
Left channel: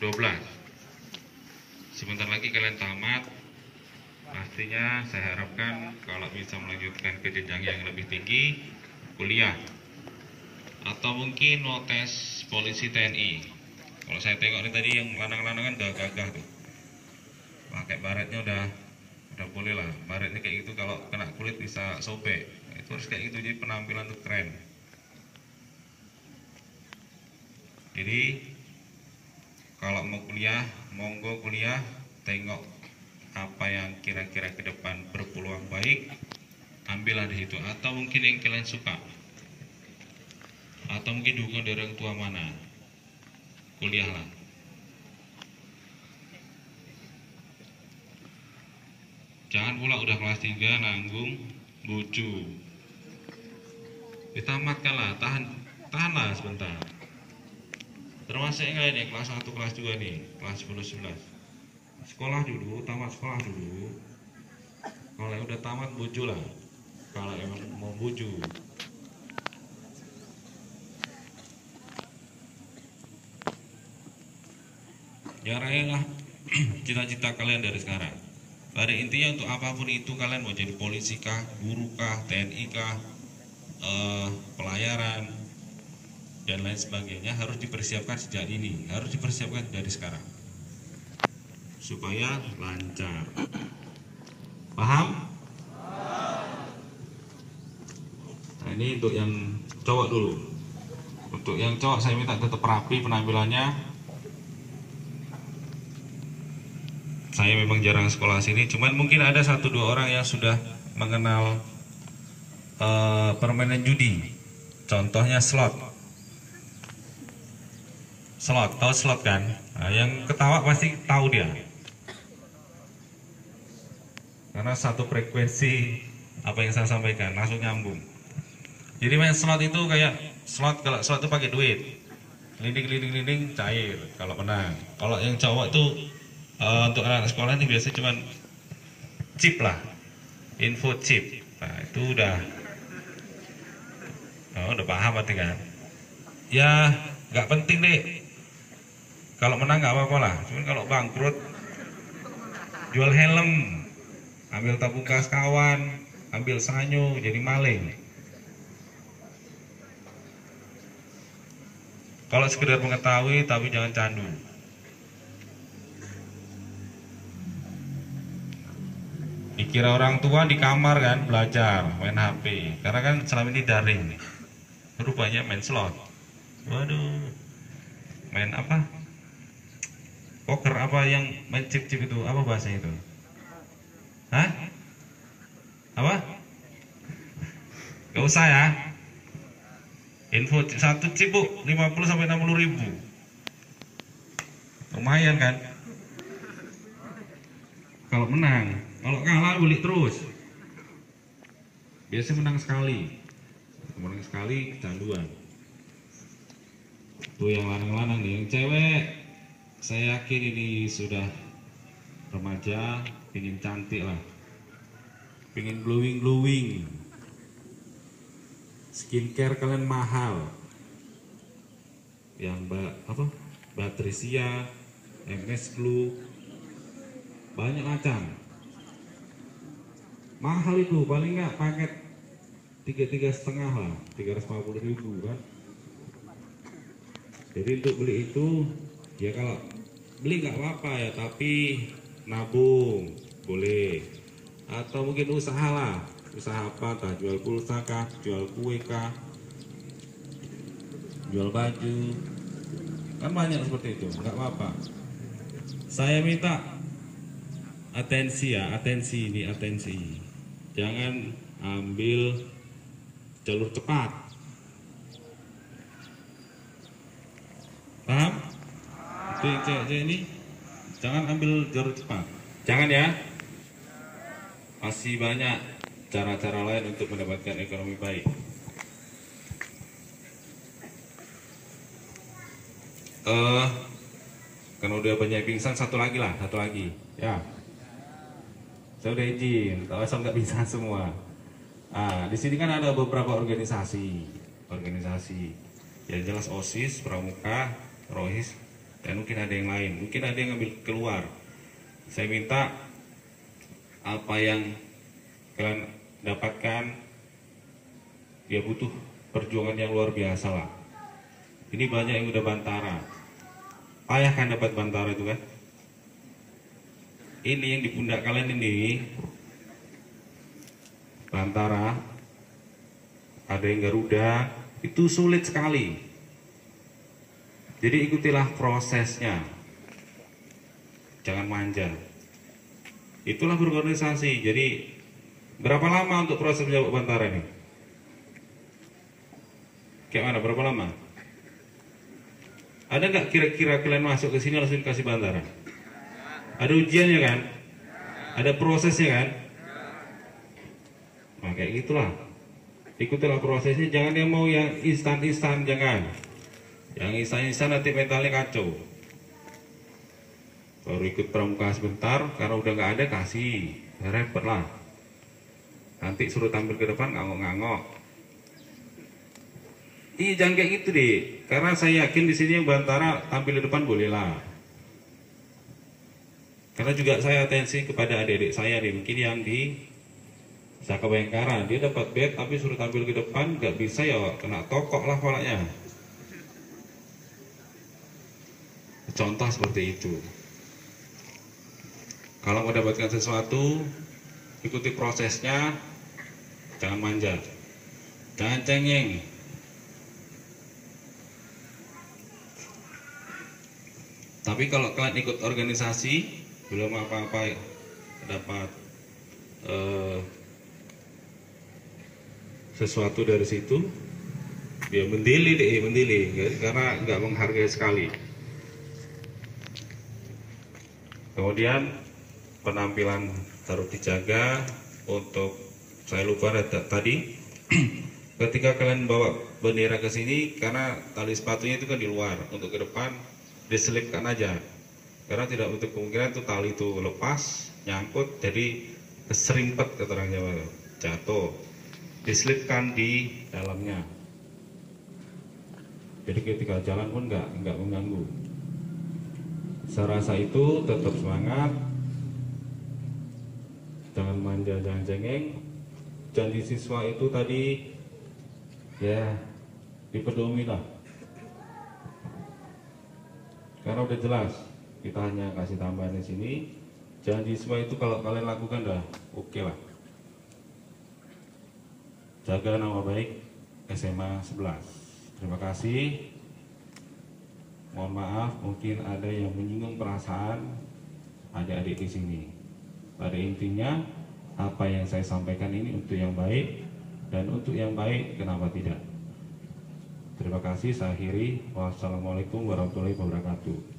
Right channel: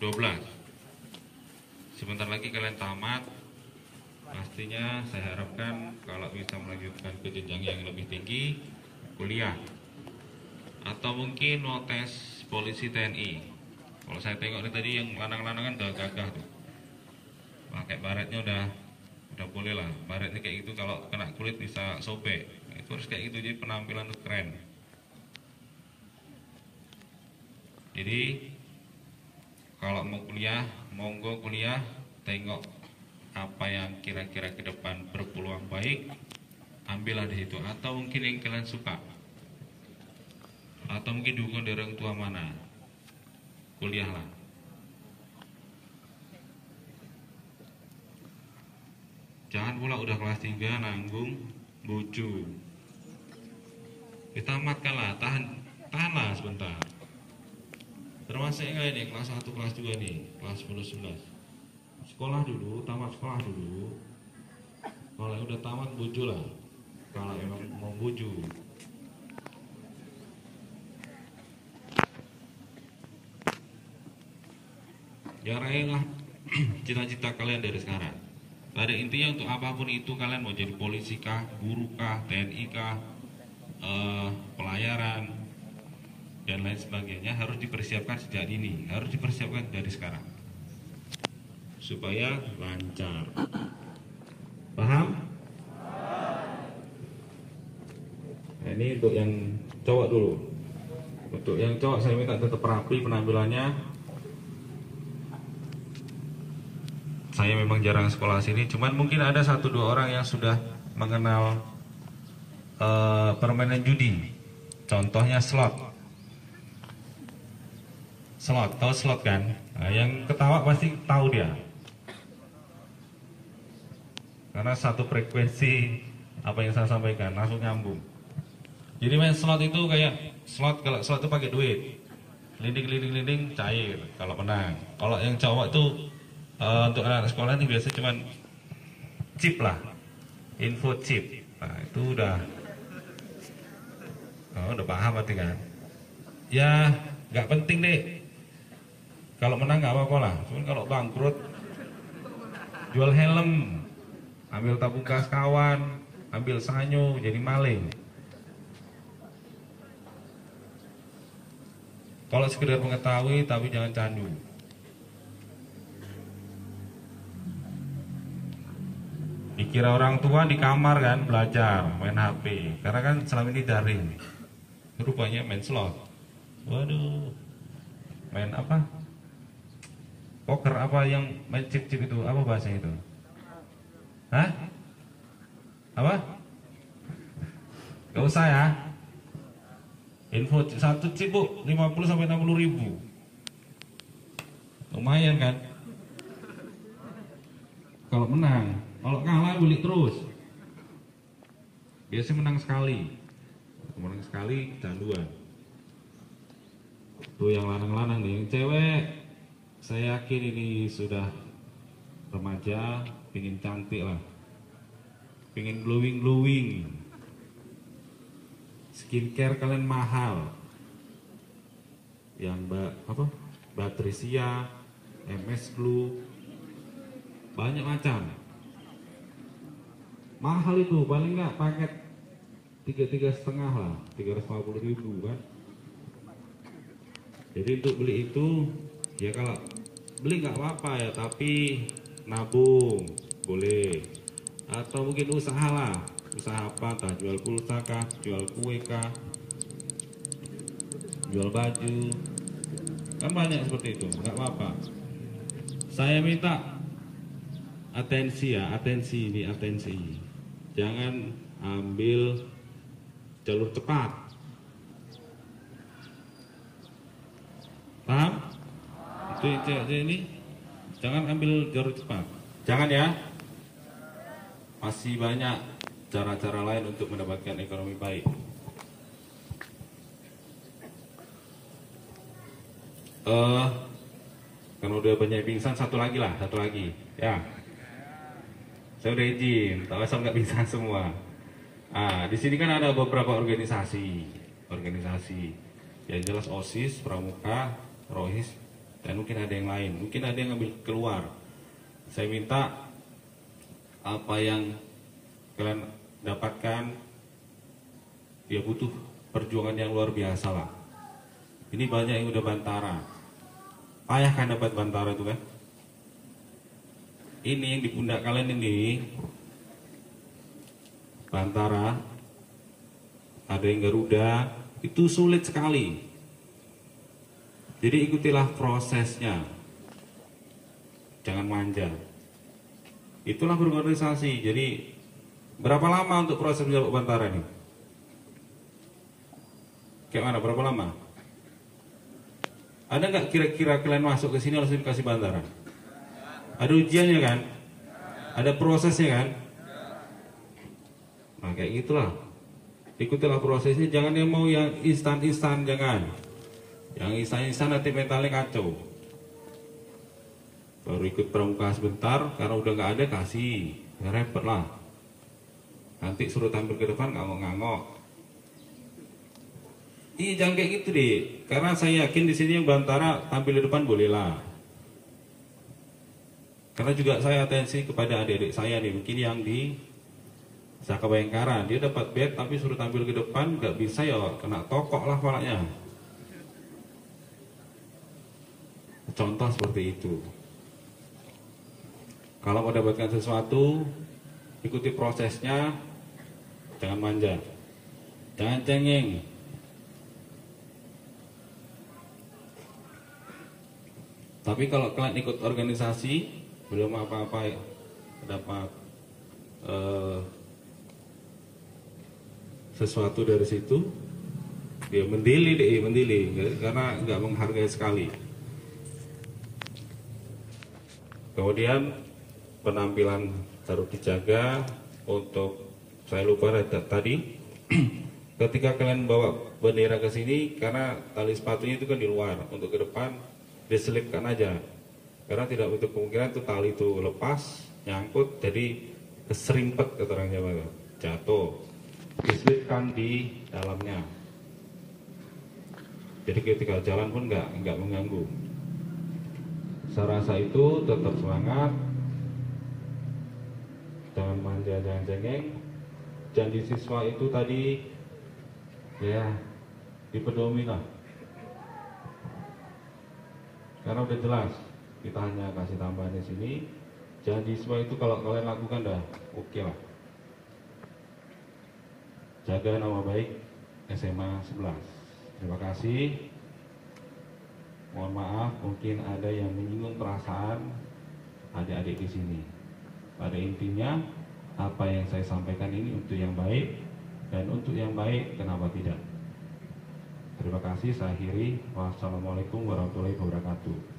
12. Sebentar lagi kalian tamat. Pastinya saya harapkan kalau bisa melanjutkan ke jenjang yang lebih tinggi, kuliah. Atau mungkin mau tes polisi TNI. Kalau saya tengok ini tadi yang lanang-lanangan udah gagah tuh. Pakai baretnya udah boleh lah. Baretnya kayak gitu, kalau kena kulit bisa sobek. Itu harus kayak gitu, jadi penampilan tuh keren. Jadi kalau mau kuliah, monggo kuliah, tengok apa yang kira-kira ke depan berpeluang baik, ambillah di situ. Atau mungkin yang kalian suka, atau mungkin dukungan dari orang tua mana, kuliahlah. Jangan pula udah kelas 3 nanggung bucu. Ditamatkanlah, tahanlah sebentar. Termasuk yang lain yang kelas 1, kelas 2 nih, kelas 10, 11. Sekolah dulu, tamat sekolah dulu. Kalau yang udah tamat bucu lah. Kalau emang mau bucu. Ya raihlah cita-cita kalian dari sekarang. Pada intinya untuk apapun itu, kalian mau jadi polisi kah, guru kah, TNI kah, pelayaran dan lain sebagainya, harus dipersiapkan sejak ini, harus dipersiapkan dari sekarang supaya lancar. Paham? Nah, ini untuk yang cowok dulu. Untuk yang cowok saya minta tetap rapi penampilannya. Saya memang jarang sekolah sini, cuman mungkin ada 1-2 orang yang sudah mengenal permainan judi. Contohnya slot. Slot, tahu slot kan? Nah, yang ketawa pasti tahu dia. Karena satu frekuensi apa yang saya sampaikan langsung nyambung. Jadi main slot itu kayak slot, kalau slot itu pakai duit. Linding cair kalau menang. Kalau yang cowok itu Untuk anak sekolah ini biasanya cuman chip lah, info chip. Nah itu udah paham berarti kan? Ya nggak penting deh. Kalau menang nggak apa-apa lah. Cuman kalau bangkrut, jual helm, ambil tabung gas kawan, ambil sanyo, jadi maling. Kalau sekedar mengetahui tapi jangan candu. Dikira orang tua di kamar kan belajar main HP, karena kan selama ini daring. Rupanya main slot. Waduh, main apa? Poker apa yang main chip-chip itu? Apa bahasanya itu? Hah? Apa? Gak usah ya. Info satu chip bu 50 sampai 60 ribu. Lumayan kan? Kalau menang, kalau kalah beli terus. Biasanya menang sekali kecanduan. Tuh yang lanang-lanang nih, yang cewek saya yakin ini sudah remaja, pingin cantik lah, pingin glowing. Skincare kalian mahal, yang Batrisia, MS Glow, banyak macam. Mahal itu, paling nggak paket 3,5 lah, 350 ribu kan. Jadi untuk beli itu, ya kalau beli nggak apa-apa ya, tapi nabung boleh, atau mungkin usaha lah. Usaha apa, entah jual pulsa kah, jual kue kah, jual baju, kan banyak seperti itu, nggak apa-apa. Saya minta atensi ya, atensi, jangan ambil jalur cepat, paham? Itu cewek ini, jangan ambil jalur cepat, jangan ya. Masih banyak cara-cara lain untuk mendapatkan ekonomi baik. Kalau udah banyak pingsan, satu lagi ya. Saya udah izin, tak asal nggak pingsan semua. Nah, di sini kan ada beberapa organisasi, yang jelas OSIS, Pramuka, Rohis, dan mungkin ada yang lain, mungkin ada yang ngambil keluar. Saya minta apa yang kalian dapatkan, dia butuh perjuangan yang luar biasa lah. Ini banyak yang udah bantara, payah kan dapat bantara itu kan. Ini yang di pundak kalian ini bantara, ada yang Garuda, itu sulit sekali. Jadi ikutilah prosesnya, jangan manja. Itulah berorganisasi. Jadi berapa lama untuk proses menjawab bantara ini? Kayak mana? Berapa lama? Ada nggak kira-kira kalian masuk ke sini langsung dikasih bantara? Ada ujiannya kan? Ada prosesnya kan? Nah kayak gitulah. Ikutilah prosesnya. Jangan yang mau yang instan-instan, jangan. Yang instan-instan nanti mentalnya kacau. Baru ikut pramuka sebentar, karena udah nggak ada kasih, repot lah. Nanti suruh tampil ke depan ngangok-ngangok. Ih jangan kayak gitu deh, karena saya yakin di sini yang bantara tampil di depan boleh lah. Karena juga saya atensi kepada adik-adik saya nih, mungkin yang di Saka Bayangkara, dia dapat bed tapi suruh tampil ke depan nggak bisa ya, kena tokok lah kepalanya. Contoh seperti itu. Kalau mau dapatkan sesuatu, ikuti prosesnya, jangan manja, jangan cengeng. Tapi kalau kalian ikut organisasi, belum apa-apa dapat sesuatu dari situ, dia mendili karena nggak menghargai sekali. Kemudian penampilan harus dijaga. Untuk saya lupa tadi ketika kalian bawa bendera ke sini, karena tali sepatunya itu kan di luar, untuk ke depan diselipkan aja, karena tidak untuk kemungkinan itu tali itu lepas, nyangkut, jadi keserimpet keterangannya, jatuh, diselipkan di dalamnya. Jadi ketika jalan pun nggak mengganggu. Saya rasa itu tetap semangat, jangan manja, jangan cengeng. Janji siswa itu tadi ya dipedomi lah, karena udah jelas. Kita hanya kasih tambahan di sini. Janji siswa itu kalau kalian lakukan dah oke lah. Jaga nama baik SMA 11. Terima kasih. Mohon maaf mungkin ada yang menyinggung perasaan adik-adik di sini. Pada intinya apa yang saya sampaikan ini untuk yang baik, dan untuk yang baik kenapa tidak. Terima kasih. Saya akhiri. Wassalamualaikum warahmatullahi wabarakatuh.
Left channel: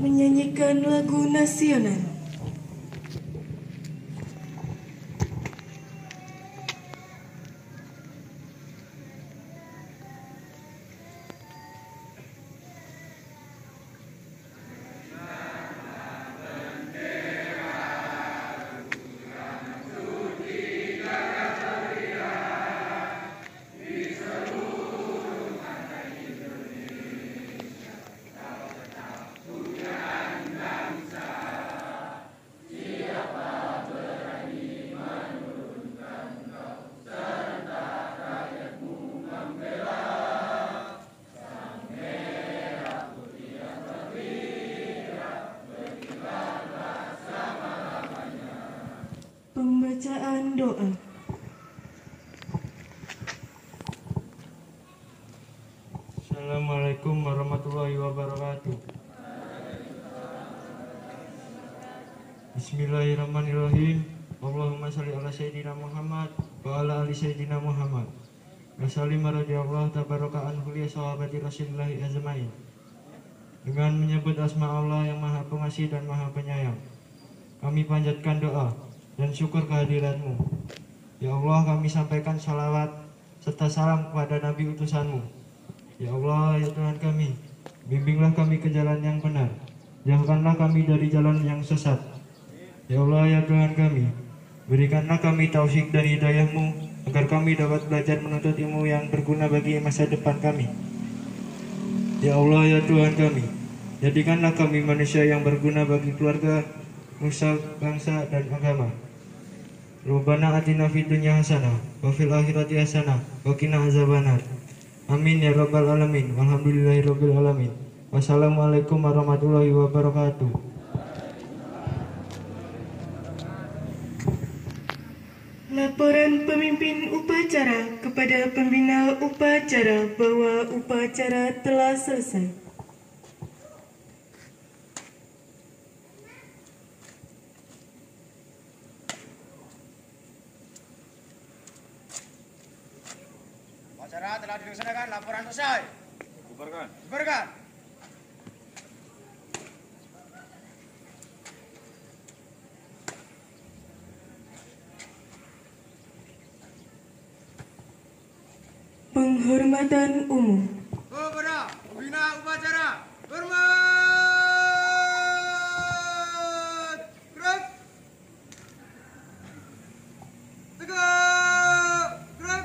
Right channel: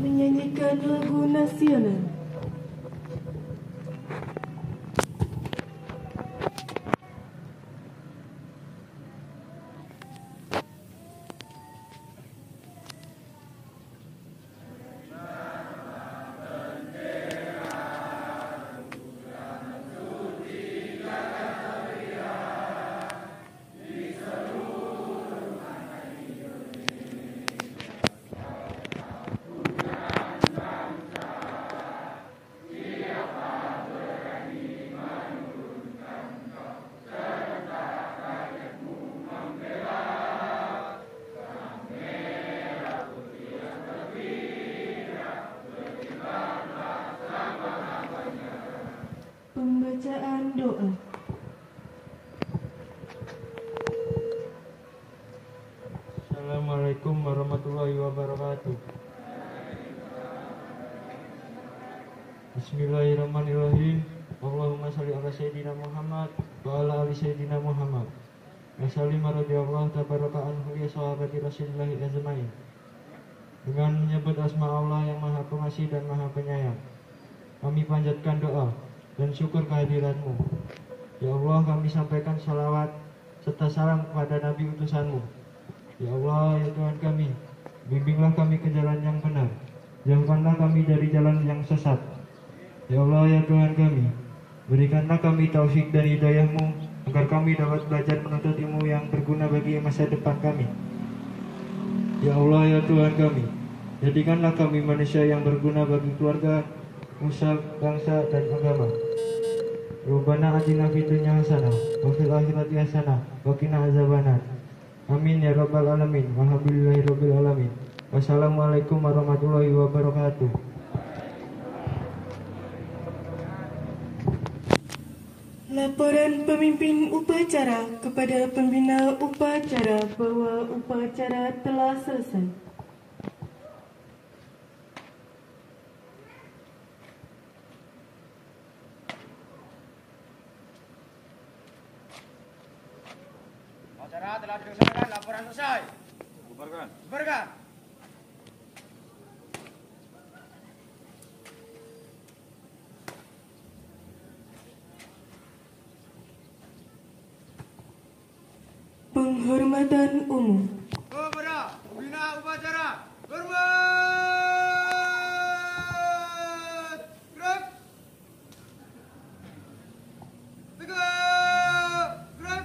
Menyanyikan lagu nasional. Pembacaan doa. Assalamualaikum warahmatullahi wabarakatuh. Bismillahirrahmanirrahim. Allahumma sholli ala sayyidina Muhammad wa ala ali sayyidina Muhammad. Wasallim radhiyallahu tabaraka anhu li sahabati Rasulillahi ajmain. Dengan menyebut asma Allah yang Maha Pengasih dan Maha Penyayang, kami panjatkan doa dan syukur kehadiratmu. Ya Allah, kami sampaikan salawat serta salam kepada Nabi utusanmu. Ya Allah, ya Tuhan kami, bimbinglah kami ke jalan yang benar, jauhkanlah kami dari jalan yang sesat. Ya Allah, ya Tuhan kami, berikanlah kami taufik dan hidayah-Mu agar kami dapat belajar menuntut ilmu yang berguna bagi masa depan kami. Ya Allah, ya Tuhan kami, jadikanlah kami manusia yang berguna bagi keluarga, nusa, bangsa, dan agama. Rabbana atina fid dunya hasanah wa fil akhirati hasanah wa qina azabannar. Amin ya rabbal alamin. Alhamdulillahirabbil alamin. Wassalamualaikum warahmatullahi wabarakatuh. Laporan pemimpin upacara kepada pembina upacara bahwa upacara telah selesai. Upacara telah dilaksanakan, laporan selesai. Bubarkan. Penghormatan umum. Kepada pembina upacara, hormat. Gerak. Tegak. Gerak.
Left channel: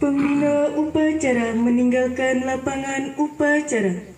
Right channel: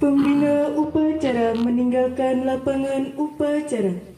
Pembina upacara meninggalkan lapangan upacara.